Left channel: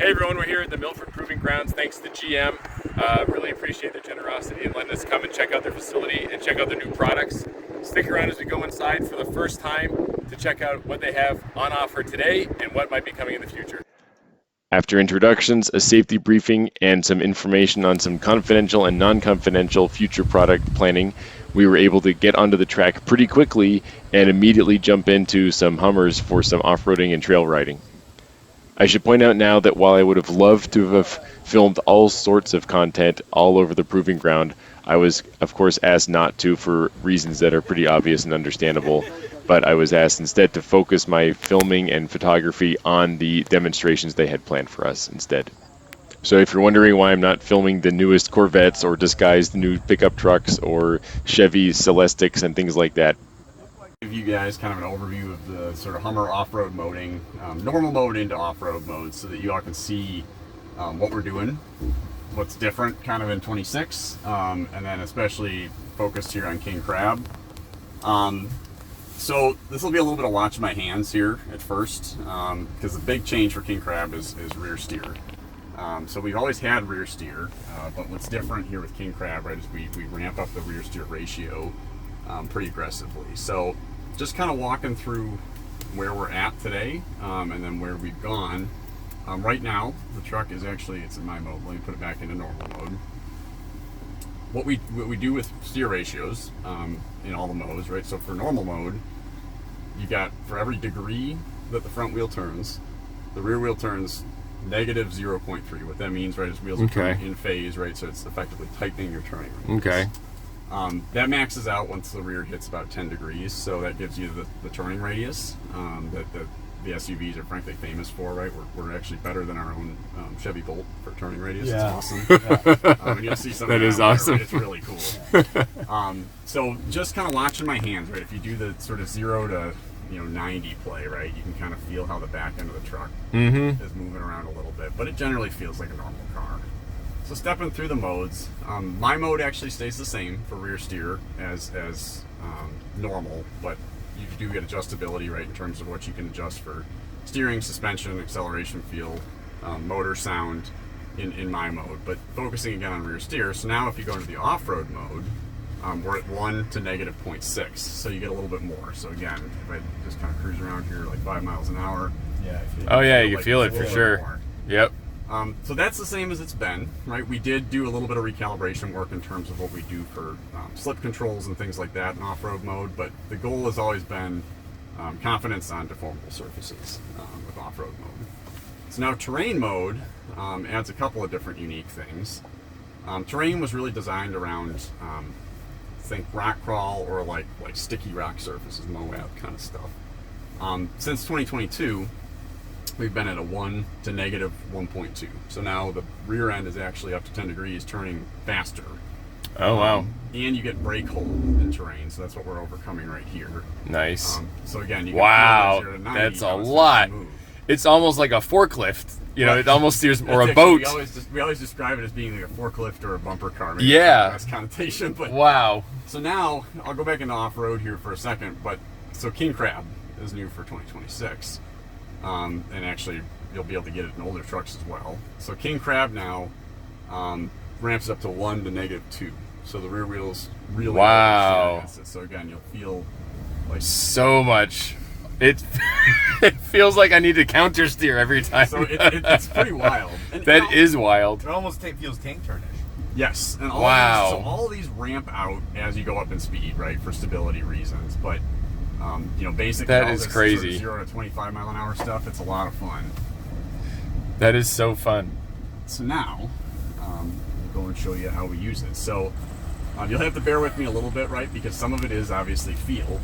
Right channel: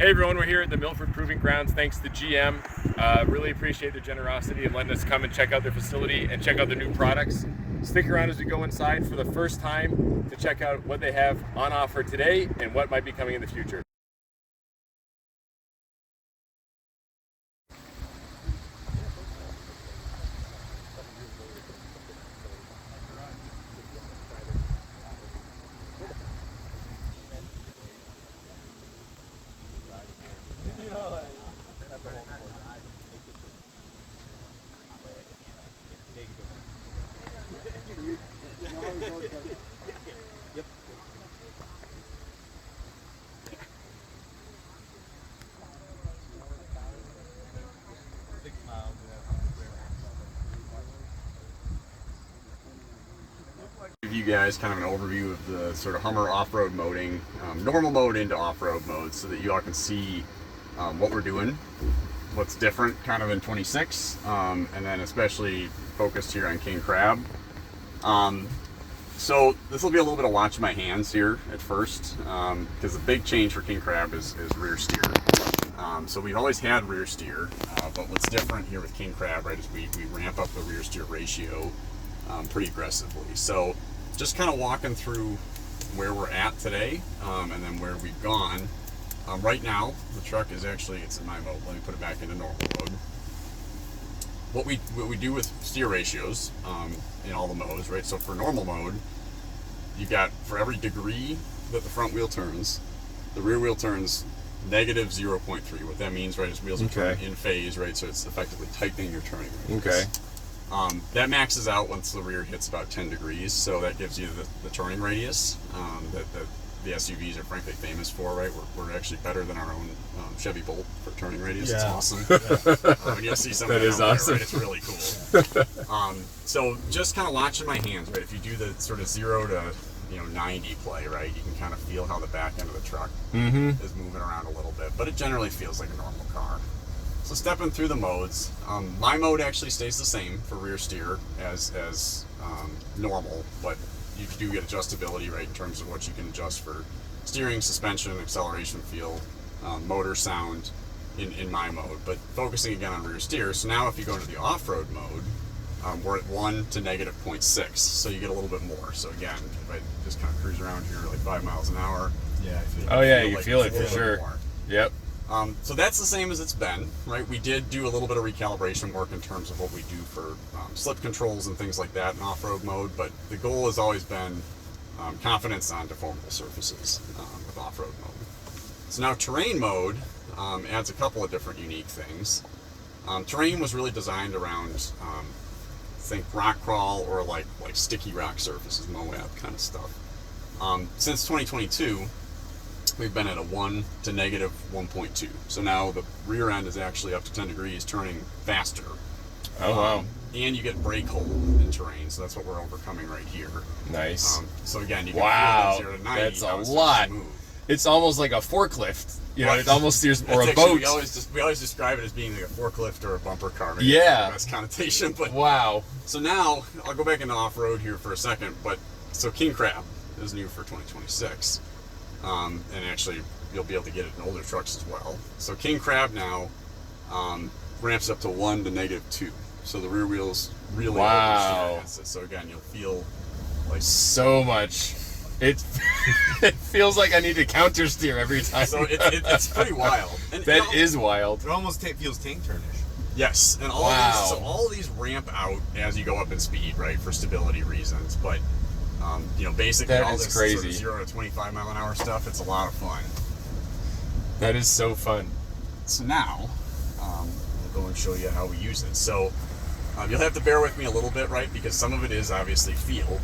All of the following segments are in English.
Hey everyone, we're here at the Milford Proving Grounds. Thanks to GM. Really appreciate their generosity and letting us come and check out their facility and check out their new products. Stick around as we go inside for the first time to check out what they have on offer today and what might be coming in the future. After introductions, a safety briefing, and some information on some confidential and non-confidential future product planning, we were able to get onto the track pretty quickly and immediately jump into some Hummers for some off-roading and trail riding. I should point out now that while I would have loved to have filmed all sorts of content all over the proving ground, I was, of course, asked not to for reasons that are pretty obvious and understandable, but I was asked instead to focus my filming and photography on the demonstrations they had planned for us instead. So if you're wondering why I'm not filming the newest Corvettes or disguised new pickup trucks or Chevy Celestics and things like that, Give you guys kind of an overview of the sort of Hummer off-road moding, normal mode into off-road mode, so that you all can see what we're doing, what's different kind of in 26, and then especially focused here on King Crab. So this will be a little bit of watching my hands here at first, because the big change for King Crab is rear steer. So we've always had rear steer, but what's different here with King Crab, right, is we ramp up the rear steer ratio pretty aggressively. So just kind of walking through where we're at today, and then where we've gone. Right now, the truck is actually, it's in my mode. Let me put it back into normal mode. What we do with steer ratios in all the modes, right? So for normal mode, you've got, for every degree that the front wheel turns, the rear wheel turns negative 0.3. What that means, right, is wheels are turning in phase, right? So it's effectively tightening your turning radius. Okay. That maxes out once the rear hits about 10 degrees, so that gives you the turning radius that the SUVs are frankly famous for, right? We're actually better than our own Chevy Bolt for turning radius. Yeah. It's awesome. You'll see something That is out awesome. there, right? It's really cool. So just kind of watching my hands, right? If you do the sort of 0 to 90 play, right, you can kind of feel how the back end of the truck is moving around a little bit, but it generally feels like a normal car. So stepping through the modes, my mode actually stays the same for rear steer as normal, but you do get adjustability, right, in terms of what you can adjust for steering, suspension, acceleration, feel, motor sound in my mode. But focusing again on rear steer, so now if you go into the off-road mode, we're at 1 to negative 0.6, so you get a little bit more. So again, if I just kind of cruise around here like 5 miles an hour. Yeah, I feel Oh yeah, you like can feel it it's a for little sure. bit more. Yep. So that's the same as it's been, right? We did do a little bit of recalibration work in terms of what we do for slip controls and things like that in off-road mode, but the goal has always been confidence on deformable surfaces with off-road mode. So now terrain mode adds a couple of different unique things. Terrain was really designed around, think rock crawl or like sticky rock surfaces, Moab kind of stuff. Since 2022, we've been at a 1 to negative 1.2. So now the rear end is actually up to 10 degrees, turning faster. Oh wow. And you get brake hold in terrain, so that's what we're overcoming right here. Nice. So again, you can Wow, feel that 0 to 90, that's a how it starts to lot. move. It's almost like a forklift. It almost steers, or That's a actually- boat. we always describe it as being like a forklift or a bumper car. Maybe Yeah. that's the best connotation. But Wow. so now I'll go back into off-road here for a second. But so King Crab is new for 2026, and actually you'll be able to get it in older trucks as well. So King Crab now ramps up to 1 to negative 2. So the rear wheels really Wow. against it. So again, you'll feel like So much. It it feels like I need to counter steer every time. so it's pretty wild. And That is wild. It almost feels tank turnish. Yes, and all Wow. these, so all these ramp out as you go up in speed, right, for stability reasons. But basically That all is this crazy. Sort of 0 to 25 mile an hour stuff, it's a lot of fun. That is so fun. So now, I'll go and show you how we use it. So you'll have to bear with me a little bit, right, because some of it is obviously feel.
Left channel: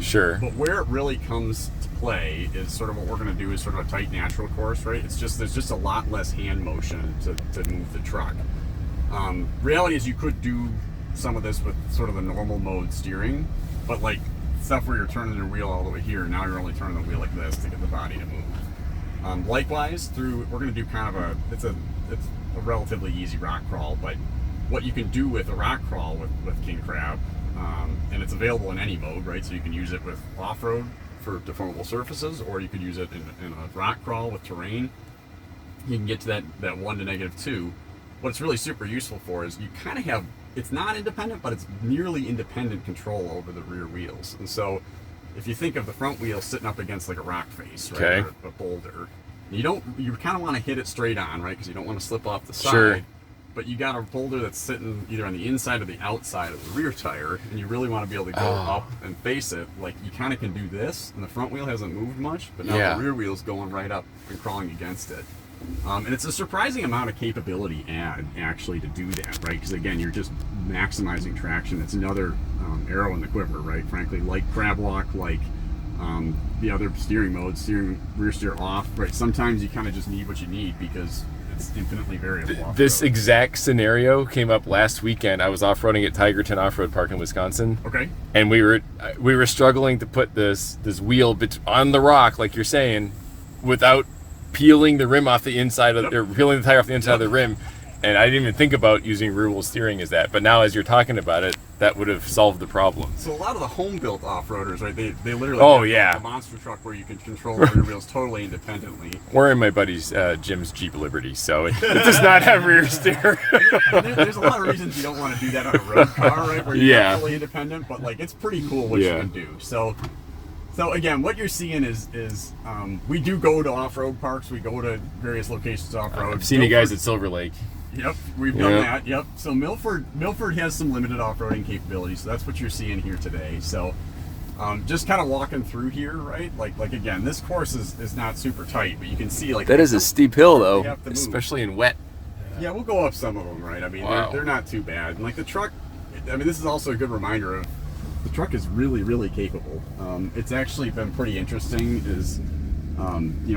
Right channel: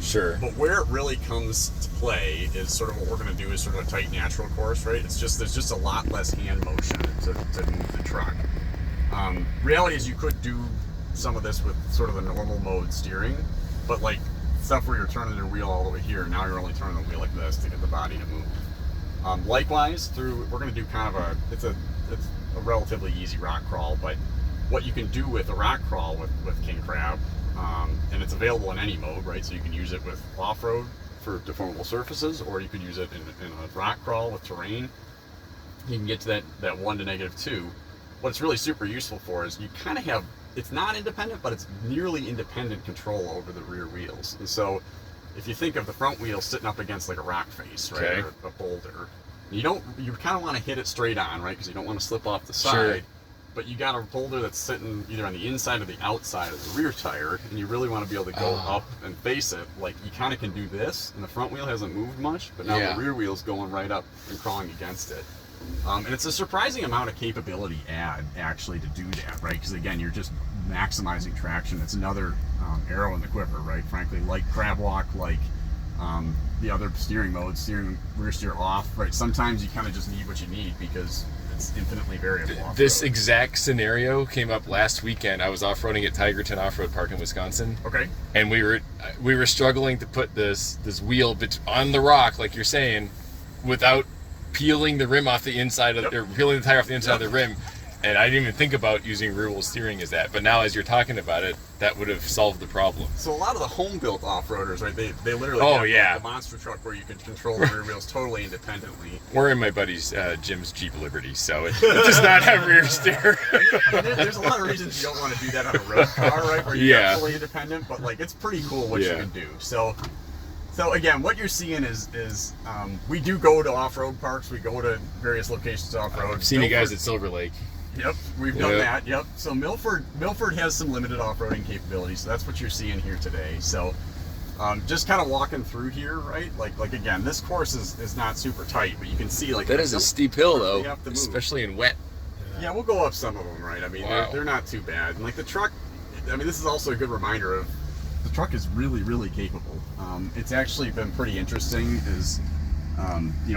Sure. But where it really comes to play is sort of what we're going to do is sort of a tight natural course, right? It's just there's just a lot less hand motion to move the truck. Reality is you could do some of this with sort of the normal mode steering, but like stuff where you're turning the wheel all the way here, now you're only turning the wheel like this to get the body to move. Likewise, we're going to do kind of it's a relatively easy rock crawl, but what you can do with a rock crawl with King Crab, and it's available in any mode, right? So you can use it with off-road for deformable surfaces, or you could use it in a rock crawl with terrain. you can get to that 1 to -2. What it's really super useful for is you kind of have, it's not independent, but it's nearly independent control over the rear wheels. And so if you think of the front wheel sitting up against like a rock face, right, Okay. or a boulder, you kind of want to hit it straight on, right, because you don't want to slip off the side. Sure. But you got a boulder that's sitting either on the inside or the outside of the rear tire, and you really want to be able to go up and face it. Like, you kind of can do this, and the front wheel hasn't moved much, but now Yeah. the rear wheel's going right up and crawling against it. And it's a surprising amount of capability actually to do that, right? Because again, you're just maximizing traction. It's another arrow in the quiver, right? Frankly, like crab walk, like the other steering modes, rear steer off, right? Sometimes you kind of just need what you need because it's infinitely variable. This off-road. exact scenario came up last weekend. I was off-roading at Tigerton Off-Road Park in Wisconsin. Okay. And we were struggling to put this wheel on the rock, like you're saying, without peeling the rim off the inside of or peeling the tire off the inside of the rim. And I didn't even think about using rear wheel steering as that. But now as you're talking about it, that would have solved the problem. So a lot of the home-built off-roaders, right? They literally Oh, have yeah. the monster truck where you can control the rear wheels totally independently. We're in my buddy's Jim's Jeep Liberty, so it does not have rear steer. And there's a lot of reasons you don't want to do that on a road car, right? Where you're Yeah. not fully independent, but like it's pretty cool what you Yeah. can do. So again, what you're seeing is we do go to off-road parks. We go to various locations off-road. I've seen you guys at Silver Lake. Yep, we've done Yeah. that. Yep. So Milford has some limited off-roading capabilities. So that's what you're seeing here today. So just kind of walking through here, right? Like again, this course is not super tight, but you can see like That is a steep hill, You though, have to move. especially in wet. Yeah, we'll go up some of them, right? I mean, Wow. they're not too bad. And like the truck, I mean, this is also a good reminder of the truck is really, really capable. It's actually been pretty interesting is,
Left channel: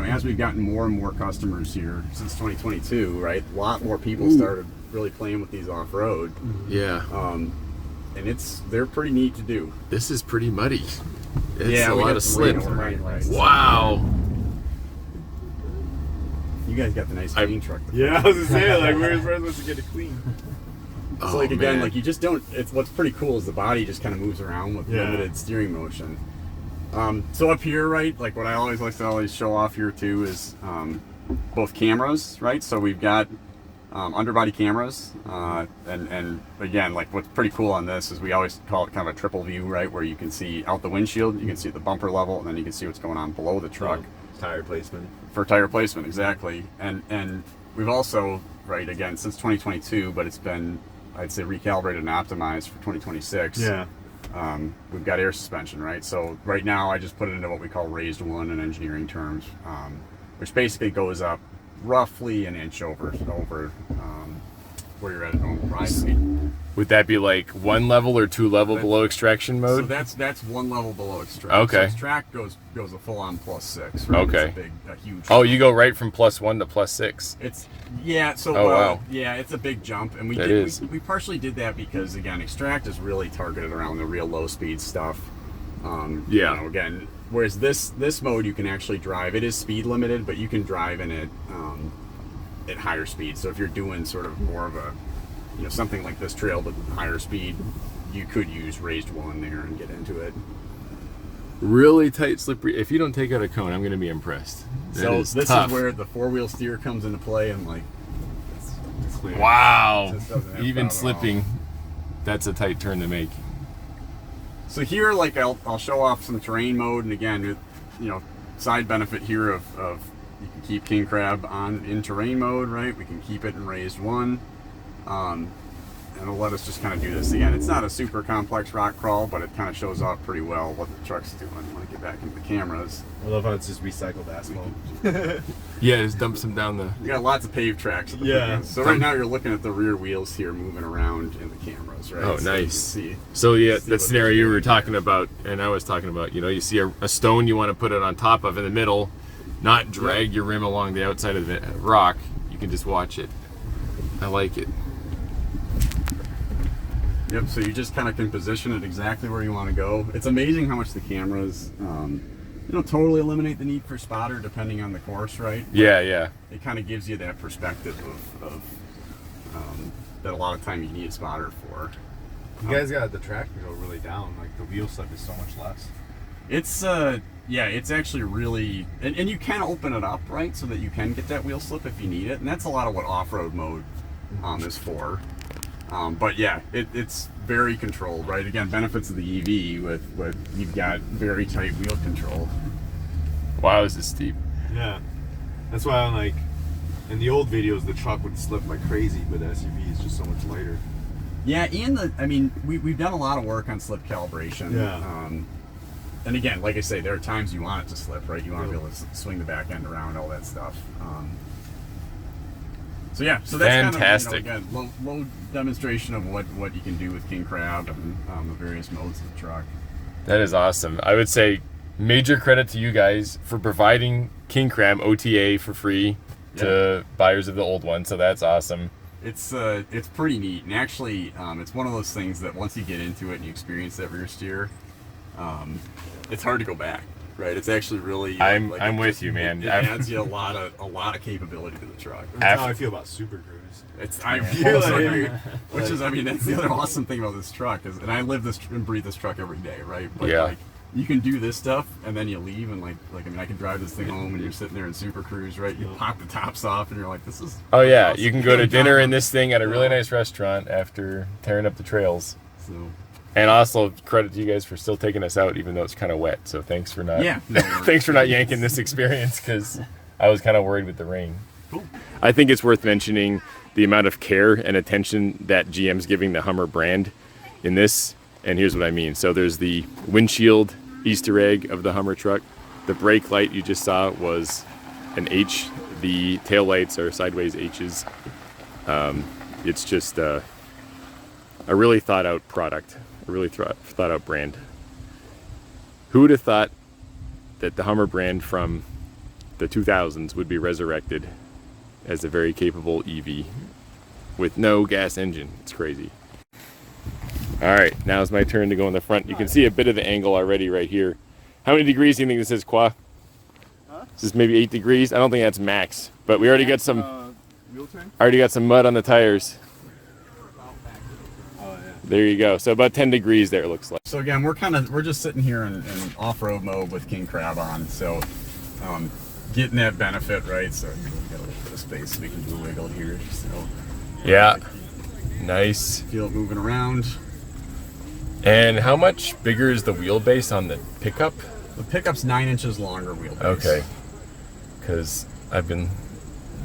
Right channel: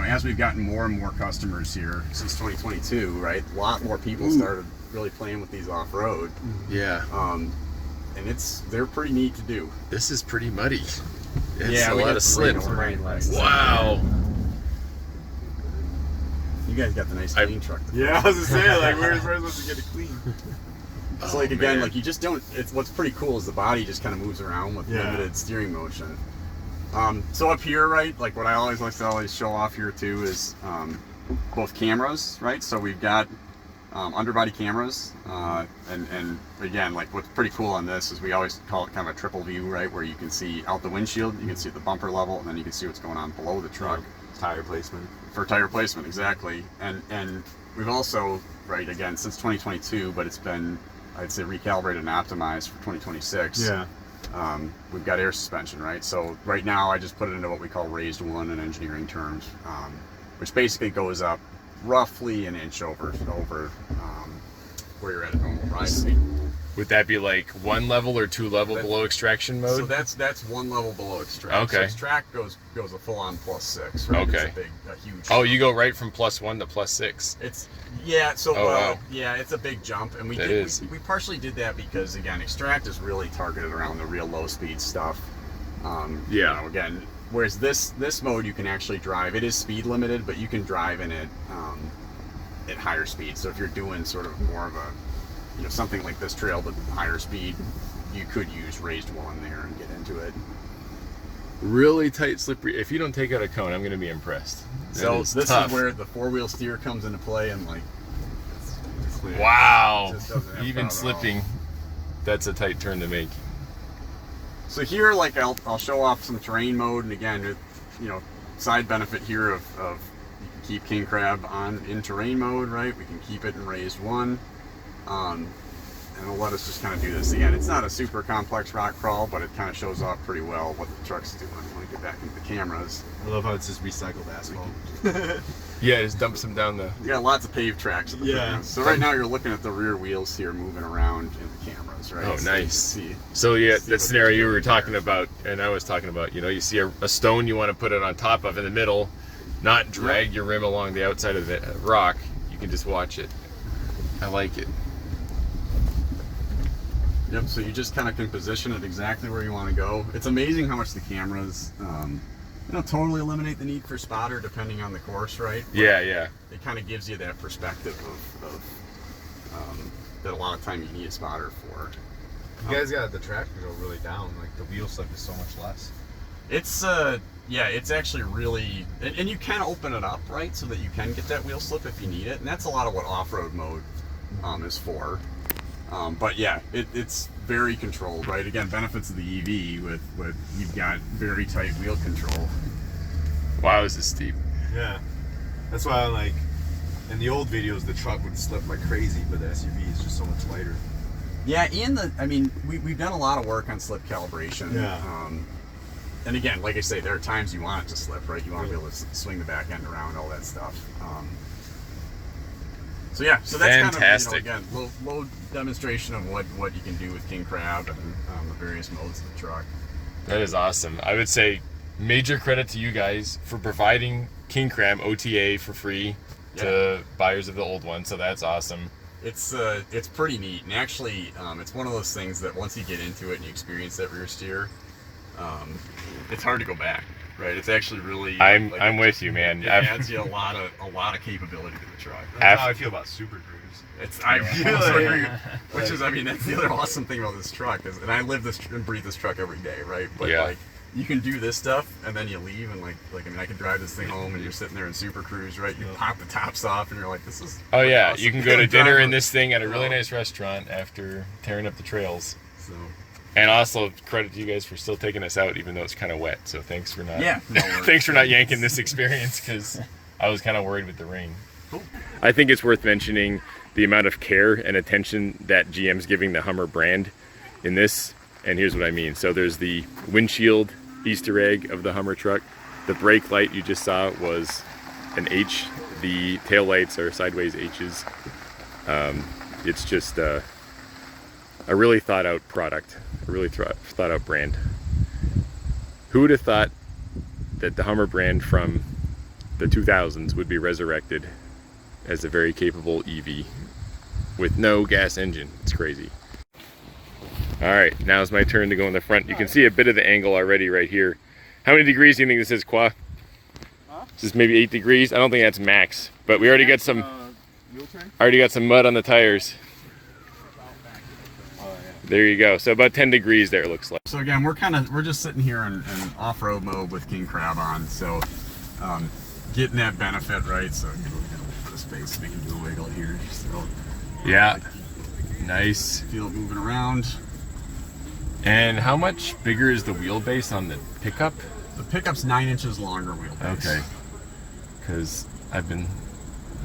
as we've gotten more and more customers here since 2022, right? A lot more people started really playing with these off-road. Yeah, And they're pretty neat to do. this is pretty muddy. It's Yeah, a we lot got of some rain slip. overnight, right? Wow. You guys got the nice clean truck. Yeah, I was gonna say, like, where's supposed to get it clean? So like again, man. like you just don't. It's what's pretty cool is the body just kind of moves around with Yeah. limited steering motion. So up here, right, like what I always like to always show off here too is both cameras, right? So we've got underbody cameras, and again, like what's pretty cool on this is we always call it kind of a triple view, right, where you can see out the windshield, you can see at the bumper level, and then you can see what's going on below the truck. Tire placement. For tire placement, exactly. And we've also, right, again, since 2022, but it's been, I'd say, recalibrated and optimized for 2026. Yeah. We've got air suspension, right? So right now I just put it into what we call raised one in engineering terms, which basically goes up roughly an inch over where you're at a normal ride speed. Would that be like 1 level or 2 level below extraction mode? So that's 1 level below extract. Okay. So extract goes a full on +6. Right? Okay. It's a huge. Oh, you go right from +1 to +6. It's yeah. So Oh, wow. yeah, it's a big jump, and That is. we partially did that because again, extract is really targeted around the real low speed stuff. Yeah. Again, whereas this mode you can actually drive. It is speed limited, but you can drive in it at higher speed. So if you're doing sort of more of a something like this trail but higher speed, you could use raised one there and get into it. Really tight, slippery. If you don't take out a cone, I'm going to be impressed. That So is this tough. is where the 4-wheel steer comes into play, and like it's clear. Wow. Just doesn't have Even problem at all. slipping, that's a tight turn to make. So here, like I'll show off some terrain mode, and again, side benefit here of you can keep king crab on in terrain mode, right? We can keep it in raised one, and it'll let us just kind of do this again. It's not a super complex rock crawl, but it kind of shows off pretty well what the truck's doing. When we get back into the cameras, I love how it's just recycled asphalt. Yeah, just dumps them down the. we got lots of paved tracks. Yeah. So right now you're looking at the rear wheels here moving around in the cameras, right? Oh, So you can nice. see. So yeah, See that what scenario they're you were doing talking there. about, and I was talking about, you see a stone you want to put it on top of in the middle, not drag your rim along the outside of the rock. You can just watch it. I like it. Yep, so you just kind of can position it exactly where you want to go. It's amazing how much the cameras, totally eliminate the need for spotter depending on the course, right? Yeah, yeah. It kind of gives you that perspective of that a lot of time you need a spotter for. You guys got the track to go really down. Like the wheel slip is so much less. It's yeah, it's actually really, and you can open it up, right, so that you can get that wheel slip if you need it, and that's a lot of what off-road mode is for. But yeah, it's very controlled, right? Again, benefits of the EV with you've got very tight wheel control. Wow, this is steep. Yeah. That's why I like, in the old videos, the truck would slip like crazy, but the SUV is just so much lighter. Yeah, and I mean, we've done a lot of work on slip calibration. Yeah. And again, like I say, there are times you want it to slip, right? You want to be able to swing the back end around, all that stuff. So yeah, so that's fantastic. kind of, you know, again, low demonstration of what you can do with King Crab and the various modes of the truck. That is awesome. I would say major credit to you guys for providing King Crab OTA for free to buyers of the old one. So that's awesome. It's pretty neat, and actually, it's one of those things that once you get into it and you experience that rear steer, it's hard to go back. Right, it's actually really. I'm with you, man. It adds you a lot of capability to the truck. That's how I feel about Super Cruise. I almost agree. Which is, I mean, that's the other awesome thing about this truck is, and I live this and breathe this truck every day, right? But like, you can do this stuff, and then you leave, and like I mean, I can drive this thing home, and you're sitting there in Super Cruise, right? You pop the tops off, and you're like, this is. Oh yeah, awesome. you can go to dinner in this thing at a really nice restaurant after tearing up the trails. So. And also credit to you guys for still taking us out, even though it's kind of wet. So thanks for not. Yeah. Thanks for not yanking this experience, because I was kind of worried with the rain. Cool. I think it's worth mentioning the amount of care and attention that GM's giving the Hummer brand in this. And here's what I mean. So there's the windshield Easter egg of the Hummer truck. The brake light you just saw was an H. The tail lights are sideways H's. It's just a really thought out product. A really thought out brand. Who would have thought that the Hummer brand from the 2000s would be resurrected as a very capable EV with no gas engine? It's crazy. All right, now it's my turn to go in the front. You can see a bit of the angle already right here. How many degrees do you think this is, Qua? This is maybe 8 degrees. I don't think that's max, but we already got some. Already got some mud on the tires. There you go. So about 10 degrees there, it looks like. So again, we're just sitting here in off-road mode with King Crab on. So getting that benefit, right? So we got a little bit of space, we can do a wiggle here. So yeah, nice. Feel it moving around. And how much bigger is the wheelbase on the pickup? The pickup's 9 inches longer wheelbase. Okay. Because I've been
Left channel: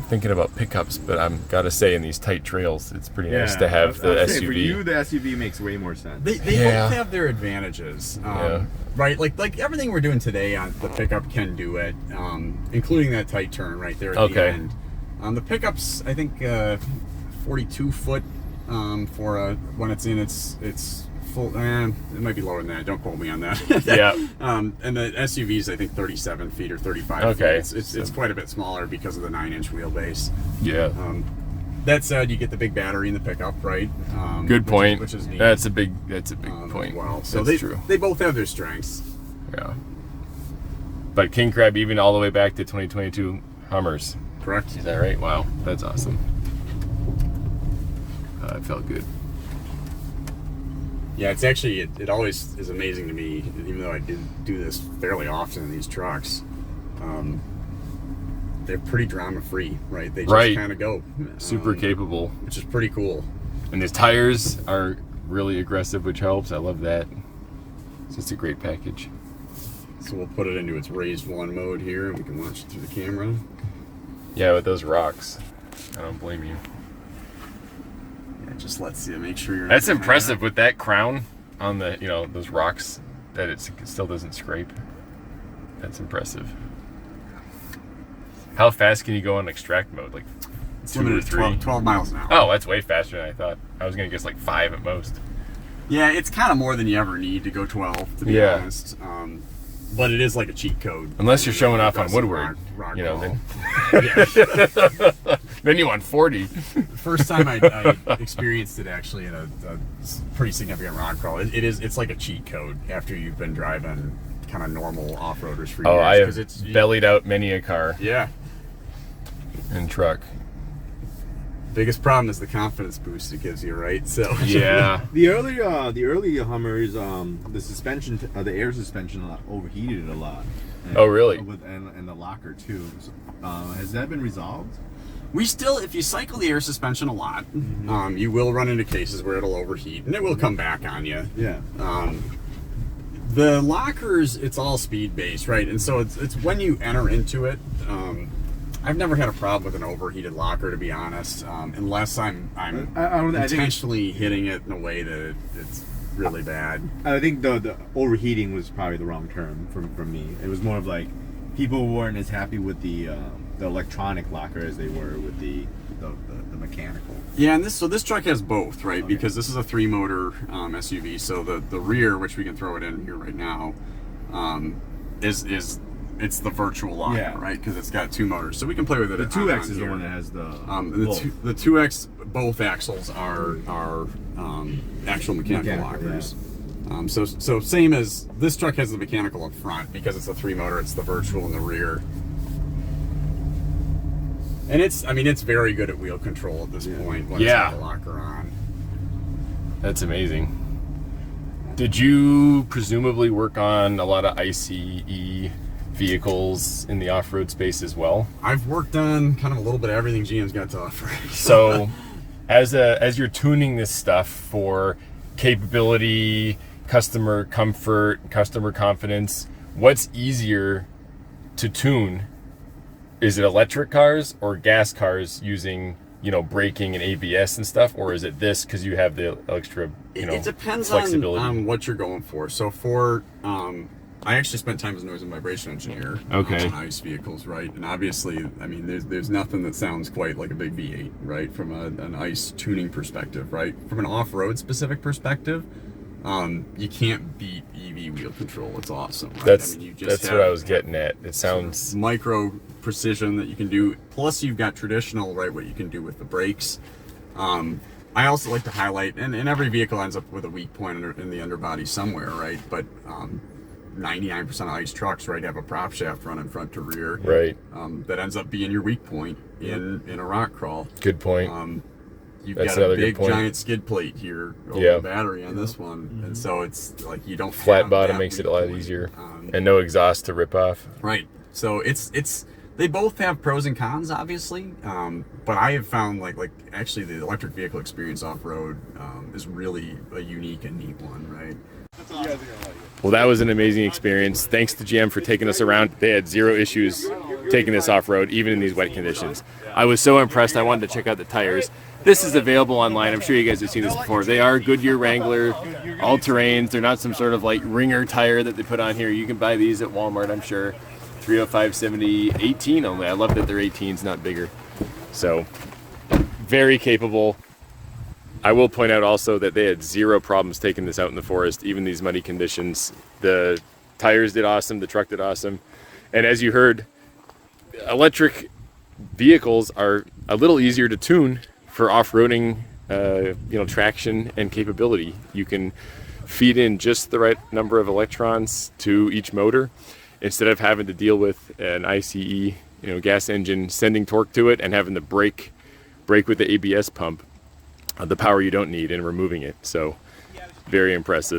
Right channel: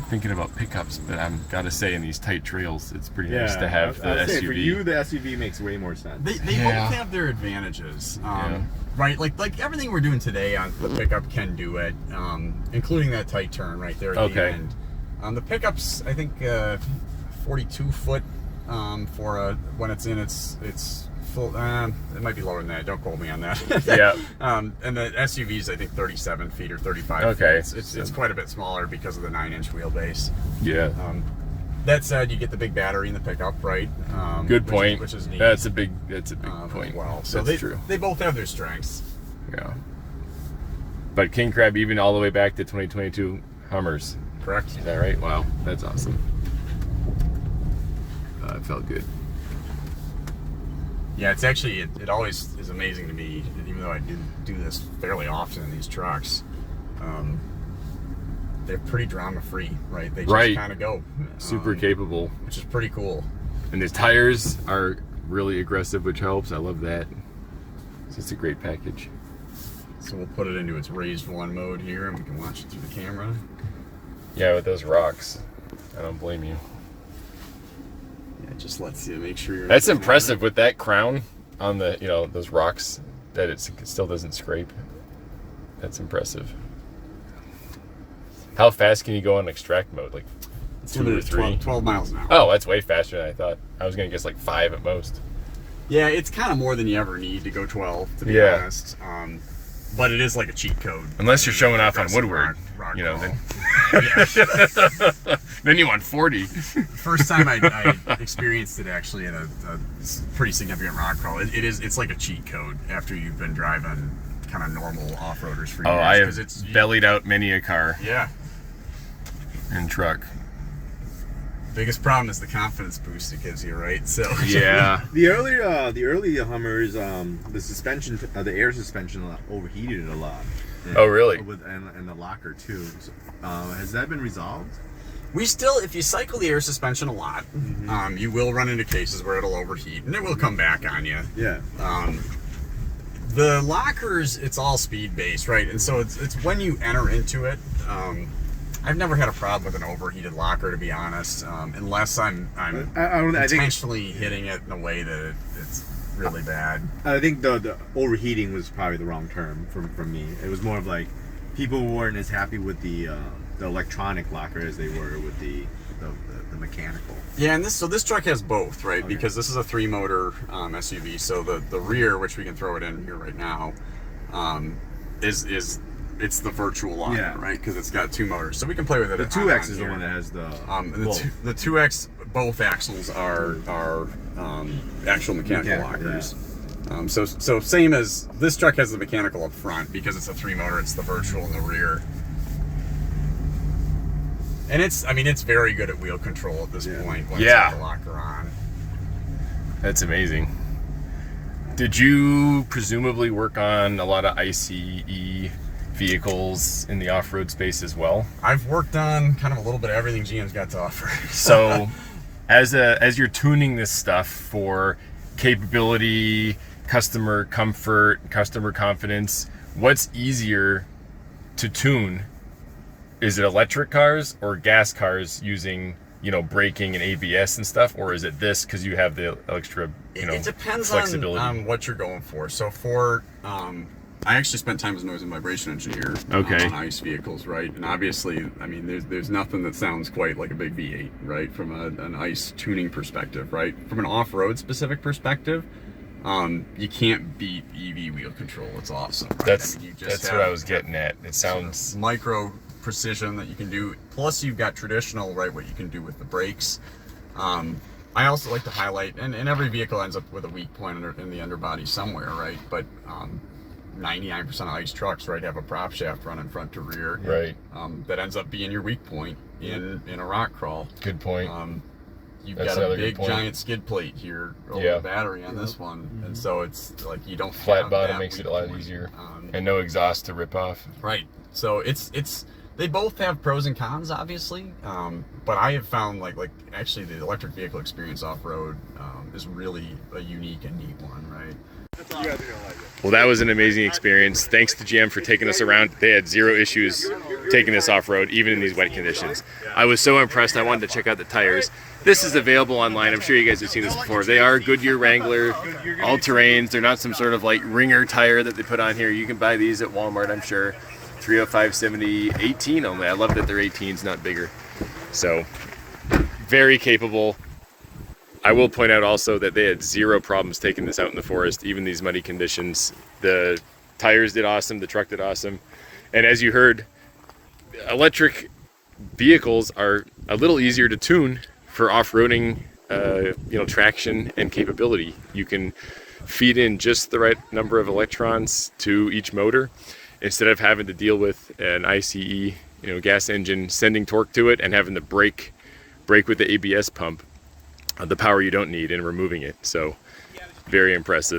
thinking about pickups, but I'm gotta say, in these tight trails, it's pretty nice to have the SUV. For you, the SUV makes way more sense. They both have their advantages, right? Like everything we're doing today on the pickup can do it, including that tight turn right there at the end. The pickup's, I think, 42 foot for when it's in its full. It might be lower than that. Don't quote me on that. Yeah. And the SUV's, I think, 37 feet or 35 Okay. feet. It's quite a bit smaller because of the 9-inch wheelbase. Yeah. That said, you get the big battery in the pickup, right? Good point. Which is neat. That's a big point. Well, so that's true. They both have their strengths. Yeah. But King Crab, even all the way back to 2022 Hummers. Correct. Is that right? Wow, that's awesome. It felt good. Yeah, it's actually, it always is amazing to me, even though I do this fairly often in these trucks. They're pretty drama-free, right? They just kind of go. Super capable. Which is pretty cool. And the tires are really aggressive, which helps. I love that. So it's a great package. So we'll put it into its raised one mode here, and we can watch it through the camera. Yeah, with those rocks. I don't blame you. It just lets you make sure you're. That's impressive with that crown on the, those rocks, that it still doesn't scrape. That's impressive. How fast can you go on extract mode? Like 2 or 3? 12 miles an hour. Oh, that's way faster than I thought. I was gonna guess like 5 at most. Yeah, it's kind of more than you ever need to go 12, to be honest. But it is like a cheat code. Unless you're showing off on Woodward, rock then. Yeah. Then you want 40. First time I experienced it actually in a pretty significant rock crawl. It's like a cheat code after you've been driving kind of normal off-roaders for years. Oh, I have bellied out many a car. Yeah. And truck. Biggest problem is the confidence boost it gives you, right? So Yeah. The early Hummers, the suspension, the air suspension overheated a lot. And, Oh, really? And the locker too. So, has that been resolved? we still, if you cycle the air suspension a lot, you will run into cases where it'll overheat and it will come back on you. Yeah. The lockers, it's all speed based, right? And so it's when you enter into it. I've never had a problem with an overheated locker, to be honest, unless I'm I think intentionally hitting it in a way that it's really bad. I think the overheating was probably the wrong term from me. It was more of like people weren't as happy with the electronic locker as they were with the mechanical. Yeah, and this truck has both, right? Okay. Because this is a 3-motor SUV, so the rear, which we can throw it in here right now, is it's the virtual locker, right? Because it's got 2 motors, so we can play with it. The 2X is the one that has the the 2X, both axles are actual mechanical lockers. Yeah. So same as this truck has the mechanical up front because it's a 3-motor. It's the virtual in the rear, and it's very good at wheel control at this point when it's got the locker on. That's amazing. Did you presumably work on a lot of ICE vehicles in the off-road space as well? I've worked on kind of a little bit of everything GM's got to offer. So as you're tuning this stuff for capability, customer comfort, customer confidence, what's easier to tune? Is it electric cars or gas cars using, braking and ABS and stuff, or is it this because you have the extra, it depends flexibility on what you're going for. So for I actually spent time as a noise and vibration engineer on ICE vehicles, right? And obviously, there's nothing that sounds quite like a big V8, right? From an ICE tuning perspective, right? From an off-road specific perspective, you can't beat EV wheel control. It's awesome. Right? That's what I was getting at. It sounds micro precision that you can do. Plus, you've got traditional, right? What you can do with the brakes. I also like to highlight, and every vehicle ends up with a weak point in the underbody somewhere, right? But 99% of ICE trucks, right, have a prop shaft running front to rear, right? That ends up being your weak point in a rock crawl. Good point. You've got a big giant skid plate here over the battery on this one, and so it's like you don't flat bottom makes it a lot easier, and no exhaust to rip off. Right. So it's they both have pros and cons, obviously, but I have found like actually the electric vehicle experience off road is really a unique and neat one, right? Well, that was an amazing experience. Thanks to GM for taking us around. They had 0 issues taking this off-road, even in these wet conditions. I was so impressed, I wanted to check out the tires. This is available online. I'm sure you guys have seen this before. They are Goodyear Wrangler, all-terrains. They're not some sort of like ringer tire that they put on here. You can buy these at Walmart, I'm sure. 305/70, 18 only. I love that they're 18s, not bigger. So, very capable. I will point out also that they had 0 problems taking this out in the forest, even these muddy conditions. The tires did awesome, the truck did awesome. And as you heard, electric vehicles are a little easier to tune for off-roading, traction and capability. You can feed in just the right number of electrons to each motor instead of having to deal with an ICE, gas engine sending torque to it and having to brake with the ABS pump. The power you don't need and removing it. So very impressive.